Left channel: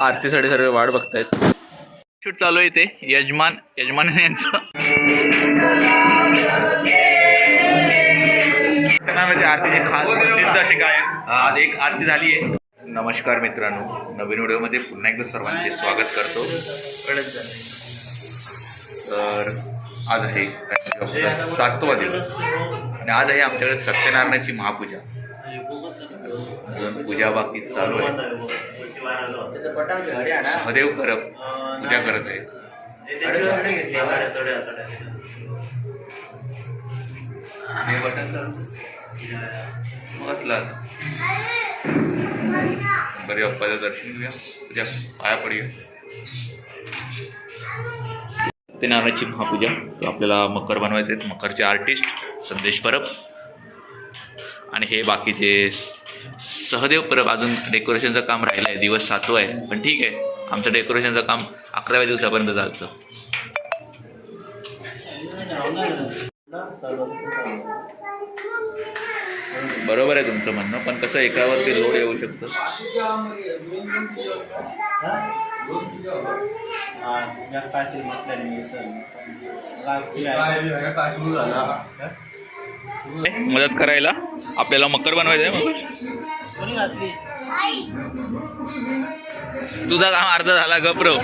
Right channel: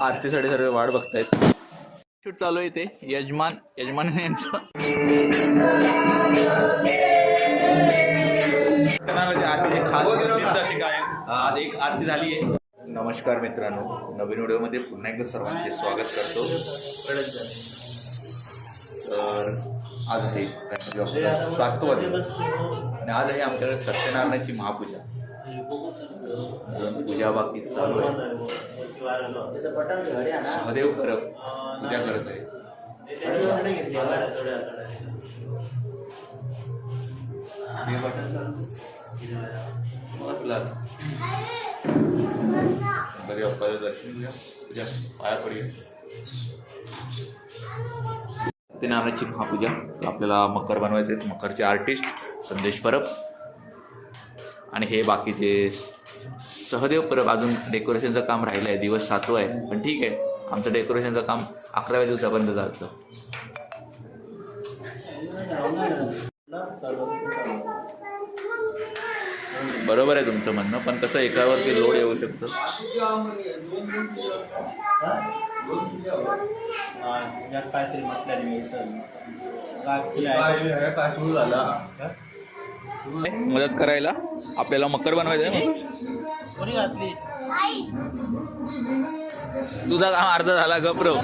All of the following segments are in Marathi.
आरतीसाठी सर्व वाट बघतायत. शूट चालू आहे ते यजमान यजमान यांचं. नावाचे आरतीचे खास प्रसिद्ध असे गायक आज एक आरती झाली आहे. नमस्कार मित्रांनो नवीन व्हिडिओमध्ये पुन्हा एकदा सर्वांचे स्वागत करतो. तर आज आहे. सातवा दिवस आणि आज आहे आमच्याकडे सत्यनारायणाची महापूजा. अजून पूजा बाकी चालू आहे. सहदेव परब पूजा करत आहे. हे बटन म्हटलं गणपती बाप्पाचं दर्शन घेऊया. पूजा पाया पडूया. सत्यनारायणाची महापूजा. तर आपल्याला मकर बनवायचे आहेत मकरचे आर्टिस्ट संदेश परब. आणि हे बाकीचे सहदेव परब अजून डेकोरेशनचं काम राहिलं आहे दिवस सातवा आहे. पण ठीक आहे. आमचं डेकोरेशनचं काम अकराव्या दिवसापर्यंत चालतं. बरोबर आहे तुमचं म्हणणं. पण कसं एकावरती लोड येऊ शकतं. मदत करायला आपल्याला मकर बनवायचं आहे तुझा काम अर्धा झाला गप्रव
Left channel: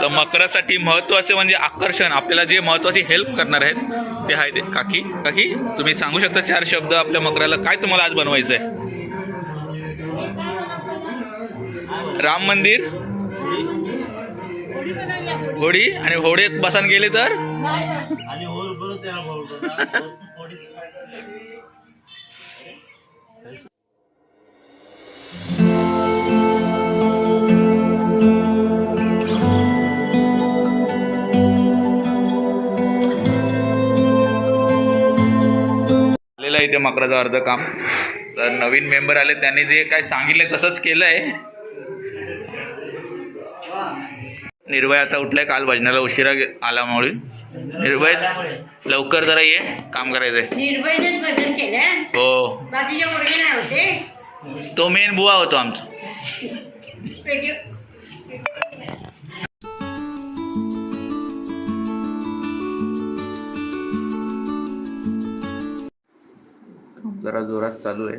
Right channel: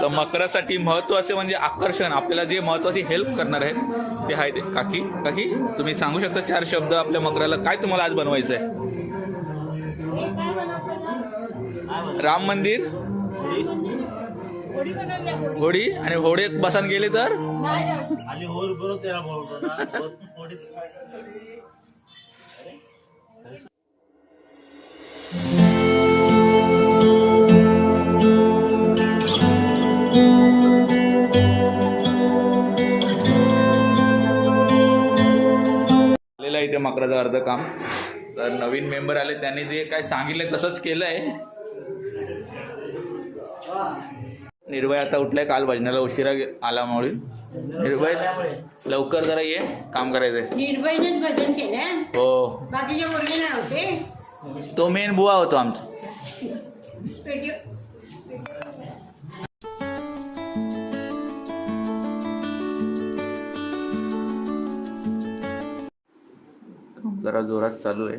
तर मकरासाठी महत्त्वाचे म्हणजे आकर्षण आपल्याला जे महत्वाची हेल्प करणार आहेत ते आहे ते. काकी काकी तुम्ही सांगू शकता चार शब्द आपल्या मकराला काय तुम्हाला आज बनवायचं आहे राम मंदिर होडी आणि होडीत बसान गेले तर? इथे मकराचं अर्ध काम तर नवीन मेंबर आले त्यांनी जे काय सांगितलंय तसंच केलंय. निर्भय आता उठलाय काल भजनाला उशिरा गे- आल्यामुळे. निर्भय लवकर जरा ये काम करायचंय. निर्भयनेच भजन केलं हो. बाकीचे मुलगे नाही होते तो मेन बुवा होतो आमचा. पेटी जरा जोरात चालू आहे.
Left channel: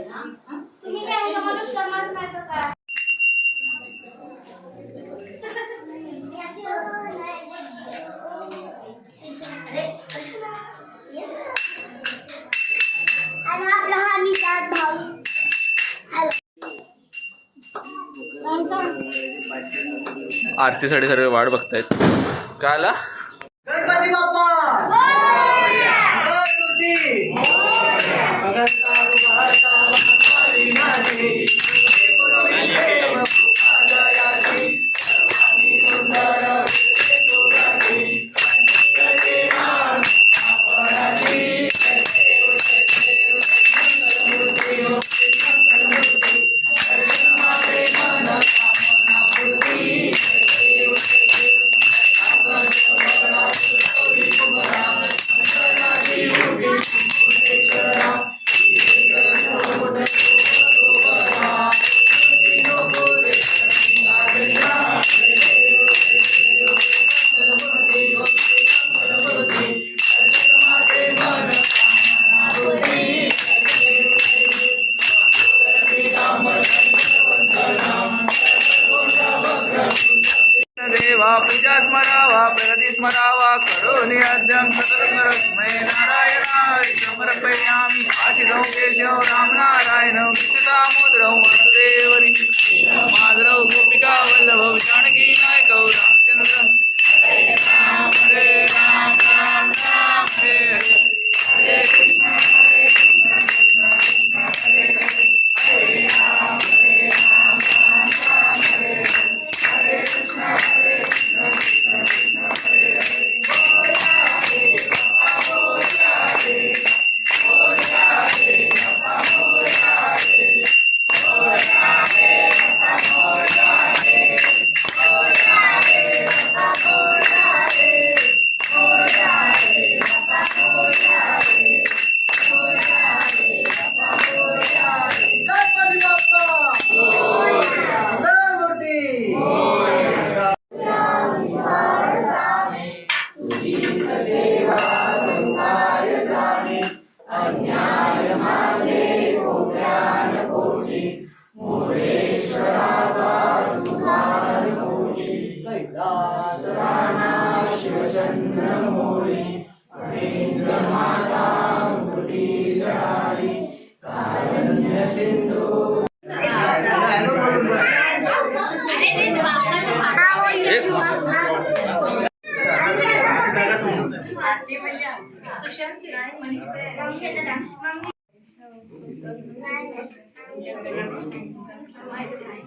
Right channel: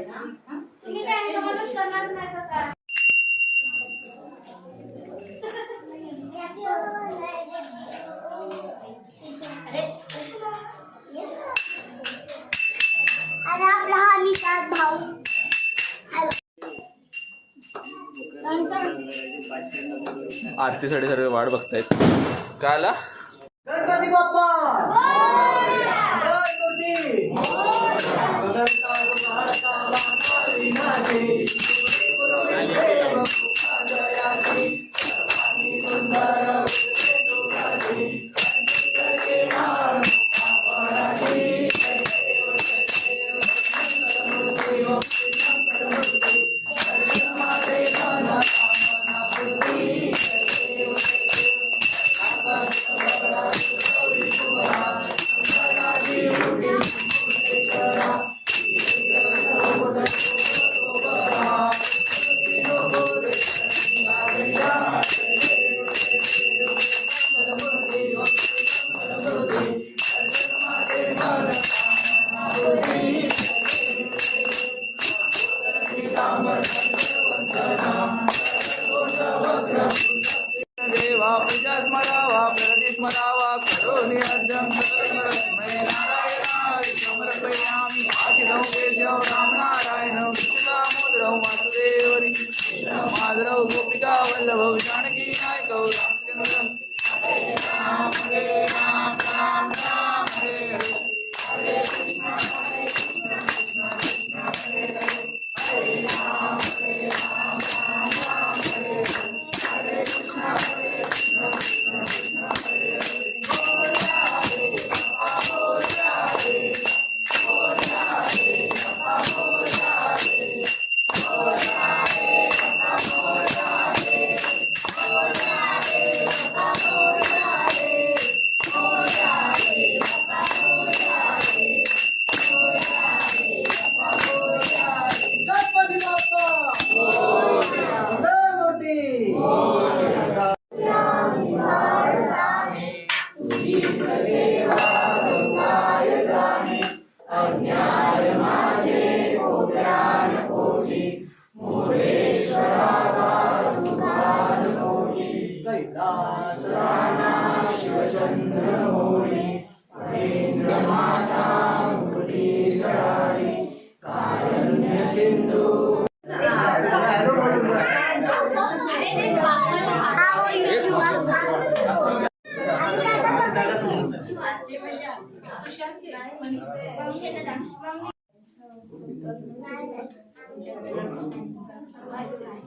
आरतीसाठी सर्व वाट बघतायत. काय आला?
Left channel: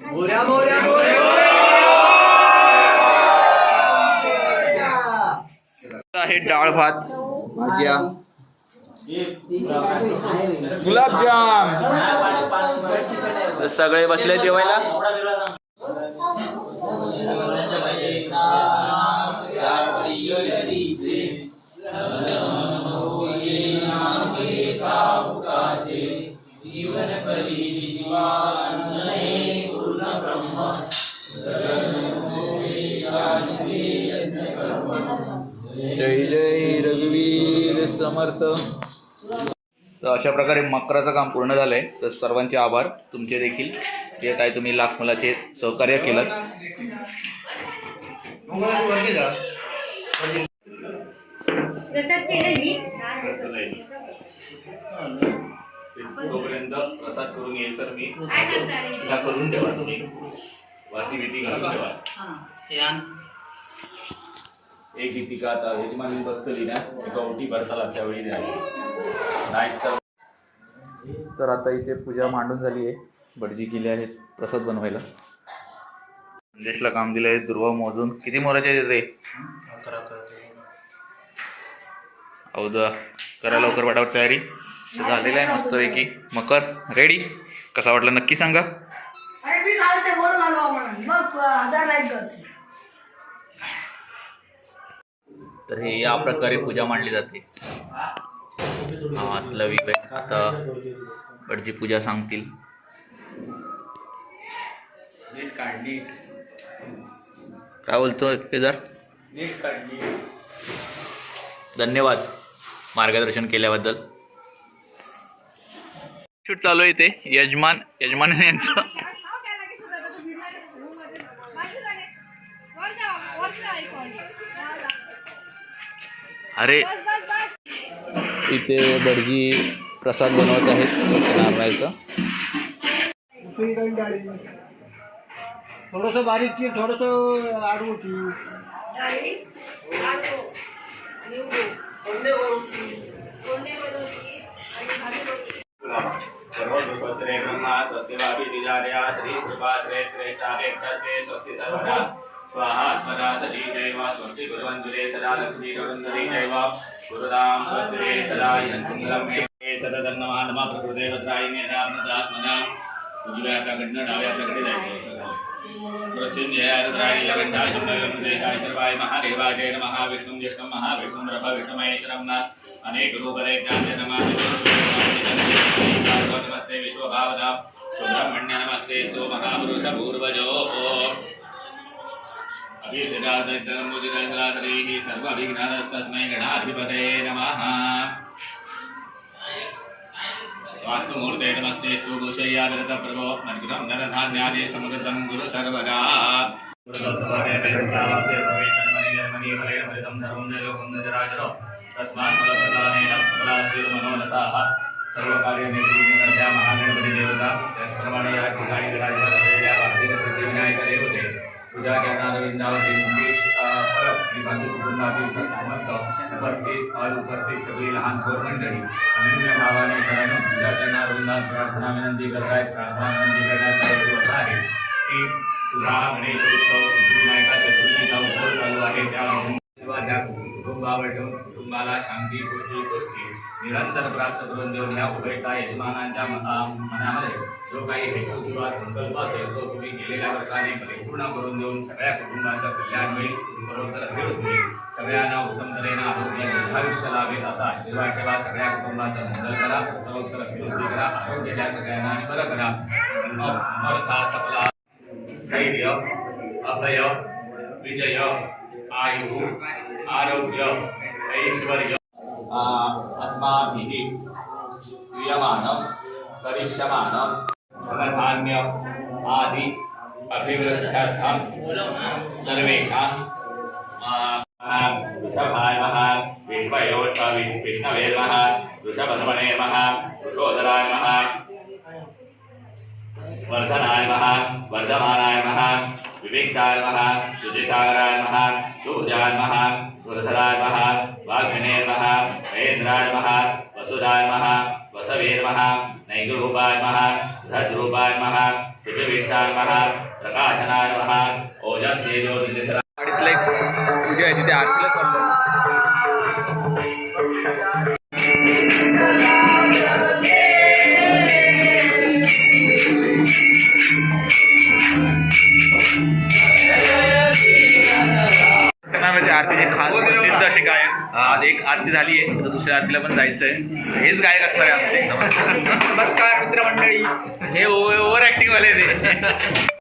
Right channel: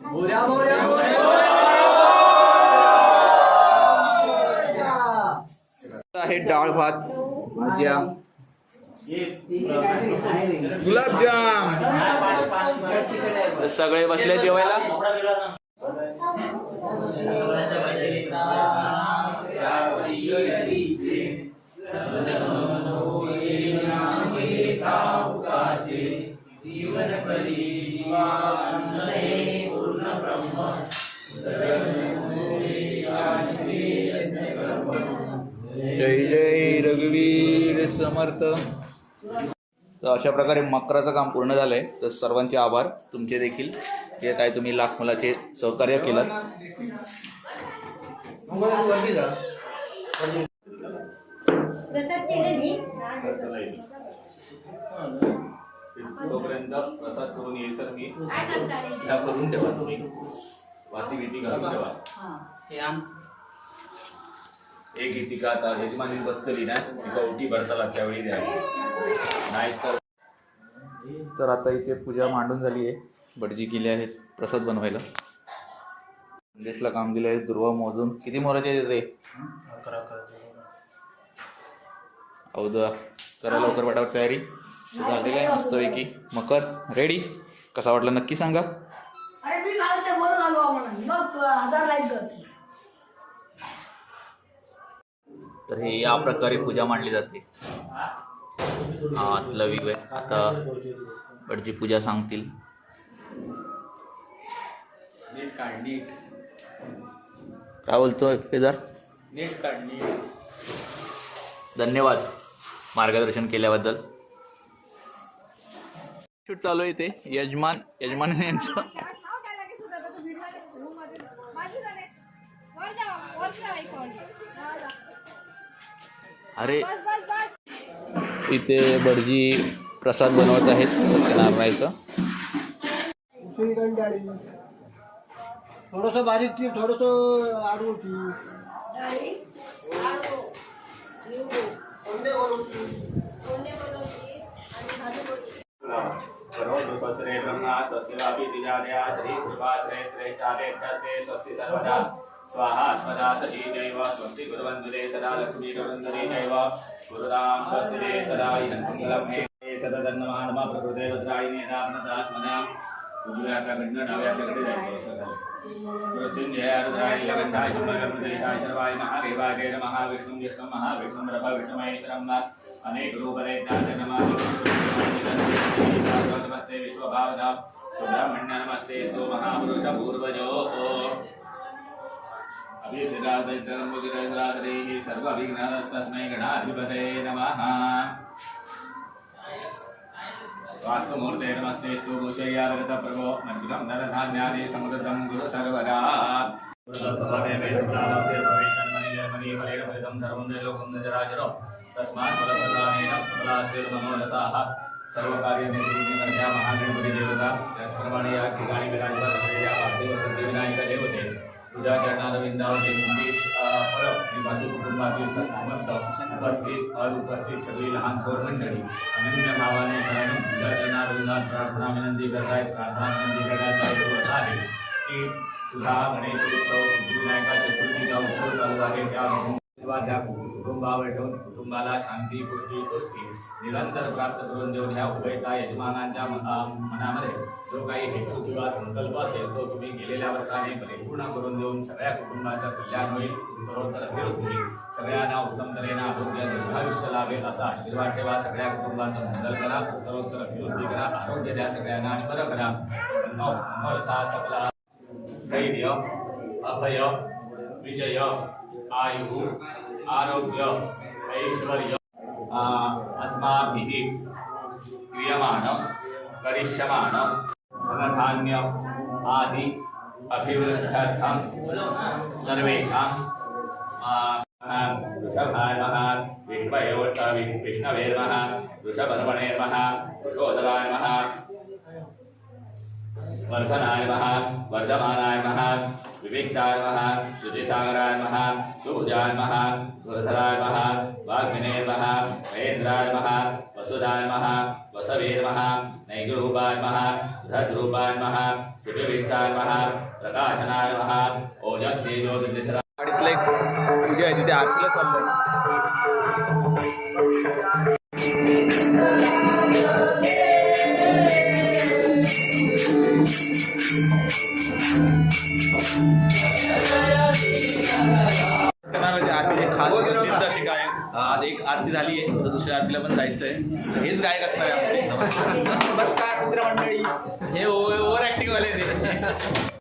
मोऱ्या मोऱ्या आहे डाळ भात भाज्या. गुलाबजाम! सगळे बसले जेवायला? जय जय रघुवीर समर्थ. तर अशा प्रकारे मकराचं काम पूर्ण झालंय. तर सर्वांचे आभार. तुमचे देखील. जे काय तुम्ही लाख मुलाचे सहकार्य केलं प्रसाद केलं मी. तोपर्यंत प्रसाद करून येईल सर. मी करून ठेवा तुम्ही वाती भीती घालून ठेवा. एक गीतिका आता यजमानी बसतली ना गवटी भरताला त्यावेळी द्यावी नाही तर तर आता इथे पूजा मांडून झाली आहे. भटजी केली आहेत प्रसाद बनवायला. संदेशला काम दिलं आहे दुर्वा मोजून. किती मोराचे रे? औदा करा लवकर वाटावर तयारी. झालेलं आहे मस्तपैकी मकर रेडी कसा वाटला नक्की सांगा. अरे मी सांगते बरं झालो आपण मग हजार लाईक करते. तर हे या प्रकारे पूजा मांडली जाते. हा आतला आहे आता भटजी पूजा सांगतील. नीट काढ नीट. काय बोलतोय केदार? धन्यवाद मार्गदर्शन केल्याबद्दल. शूट चालू आहे ते यजमान यजमान यांचं. अरे इथे भटजी प्रसाद बनवत आहेत सत्यनारायणाचा थोडस बारीक की थोडस आडू सर्वोपसरे ब्रह्मा स्वस्ति वापि श्री सुपात्रे स्वस्ति सर्वदा। स्वाहा स्वदा सती जैव स्वस्ति गुरुवन्दुरे सदा लक्ष्मी गुरुवन्दुरे जैव गुरुदां स्वस्ति सदा यन्त्रं सदा सततन्नमः प्रकृते वज्रायिने नामनदात्मना उजव्या हाताकडनं डाव्या हाताकडे जायचं असं झालं मृत्युंजय रुद्राय लगंधाय शुभ्रमुद्रेशाय सर्वाय महादेवाय जय नमः विष्णुं ज्येष्ठं महाविष्णुं रभ. विष्णुमहेश्वरं न अनेक ज्ञान नमस्ते. विश्वभावना सुब्रह्मण्य नमस्ते. सो महापुरुष पूर्वजो अभिषेकादमुदितसराधरेः सर्व अभिघ्नानस्तस्मै गणाधिपते नमः. वास्तुमूर्ते नमस्ते स्तु प्रभो मन्त्रं नरधान्यादि समृद्धं गुरु सर्वदा तस्मात् फलप्रदानेन सकलाशीर्मनोरथाः सर्वकार्यनिर्विघ्नकर्त्या त्याचप्रमाणे या ठिकाणी विराजमान असलेल्या पार्थिव सिद्धिविनायक देवते पूजा चरणारविंदावती मुकेश परब आणि बाकी कुटुंबातील समस्त उपस्थित अनुपस्थित सगळी लहान थोर मंडळी. अनन्य भावाने शरण पूजा चरणारविंदात प्रार्थना विनंती करतायत प्रार्थना विनंती करण्याचा हेतू असा आहे की तुझा गणेश उत्सव सिद्धिविनायका चतुर्थीचा उत्सव चालू आहे. त्या तेव्हा त्या कुटुंबावर ठेवून कुटुंबाला शांती पुष्टी गोष्टी निरंतर प्राप्त करून देऊन ह्या उभयता यजमानांच्या मनामध्ये जो काही हेतू किंवा संकल्प असेल तो तुम्ही गेलेल्या वर्षाने परिपूर्ण करून देऊन सगळ्या कुटुंबाचं कल्याण होईल उत्तरोत्तर होईल. सगळ्यांना उत्तम तऱ्हेने आरोग्य दीर्घायुष्य लाभेल असा आशीर्वाद ठेवा सगळ्या कुटुंबाचं मंगल करा उत्तरोत्तर अभिवृद्धी करा आरोग्य द्या सगळ्यांना आणि बरं करा. अमर्था सपला धैर्य अभय विजय. आयु आरोग्य ऐश्वर्य आ- अस्माभिः क्रियमाणं करिष्यमाणं। धनधान्य आदि अभिवृद्ध्यर्थं सर्वेषां वृषभाय नमः विश्वयोष्ट विष्णवे नमः वृषभधमणे नमः वृषोदराय नमः वर्धनाय नमः वर्धमानाय नमः विविक्ताय नमः शुचिसागराय नमः सुहृदाय नमः सुरधराय नमः वाग्मिने नमः महेन्द्राय नमः वसुदाय नमः वसवे नमः नैगरूपाय नमः धद्रूपाय नमः शुचिविष्टाय नमः प्रकाशनाय नमः ओजस्तेजो गाडीतलं एक पूजा आहे तिथे आरतीला चाललंय. आज एक आरती झाली आहे तर दुसऱ्या आरतीला पण जायचं आहे हेच गायक असणार आहे आमचे. नमस्कार. मित्रमंडळी. हे ओव्हर ऍक्टिंग वाले ते.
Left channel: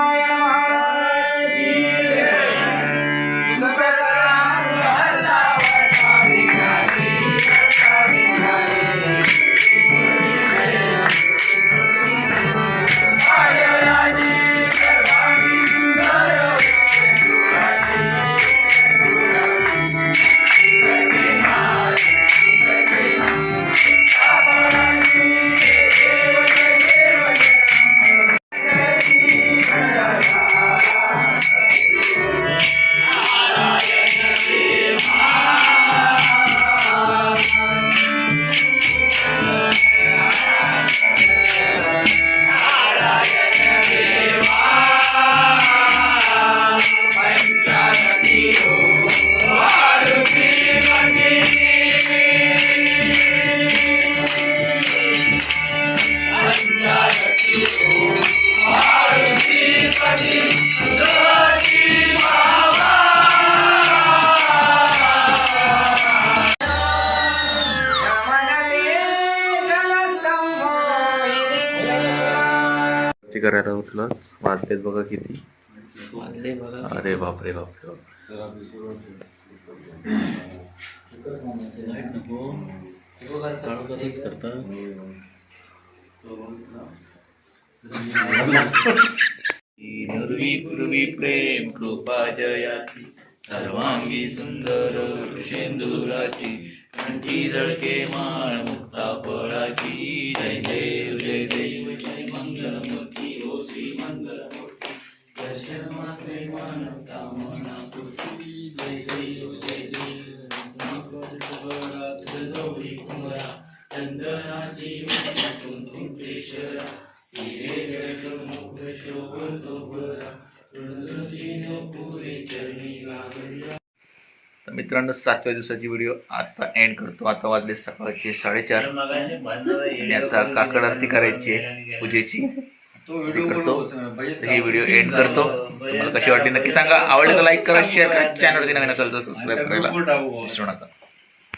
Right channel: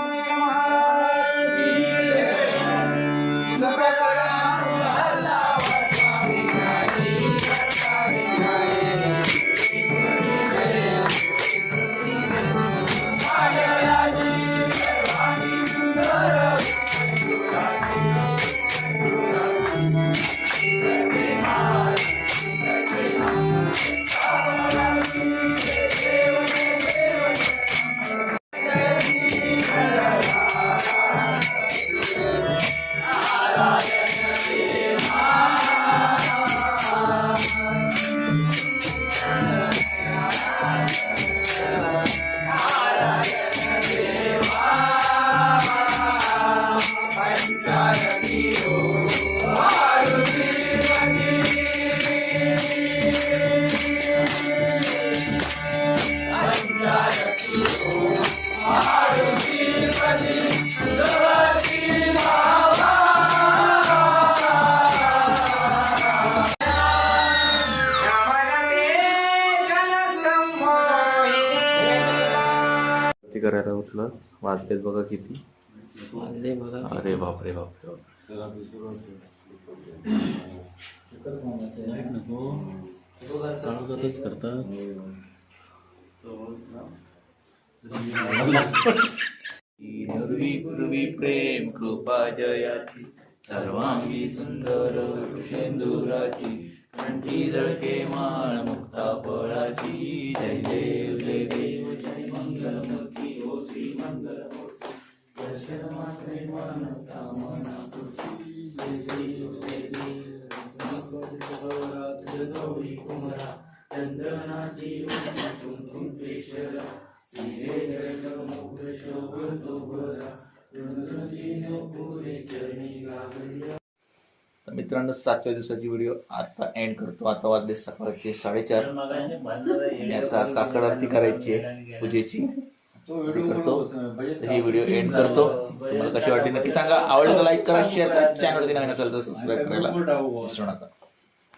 करायला उठलं. वाजलेत बघा किती. अरे बापरे बापरे बापरे. नुर्वी पूर्वी प्रेम कृपा जयाची सर्वांगी सुंदर शेंदुराची कंठी झळके माळ मुक्ता फळाची. जय देव जय देव तर मित्रांनो सातव्या दिवसाची व्हिडिओ आता एंड करतो. आता वाजले सकाळचे साडेचार. आणि आता काकड आरती करायची आहे पूजेची. करतो. ही व्हिडिओ एंड करतो. तुम्हाला कशी वाटली? नक्की सांगा. आवडलं तर लाईक करा शेअर करा. चॅनलवरती नवीन असेल तर सबस्क्राईब करायला. विसरू नका.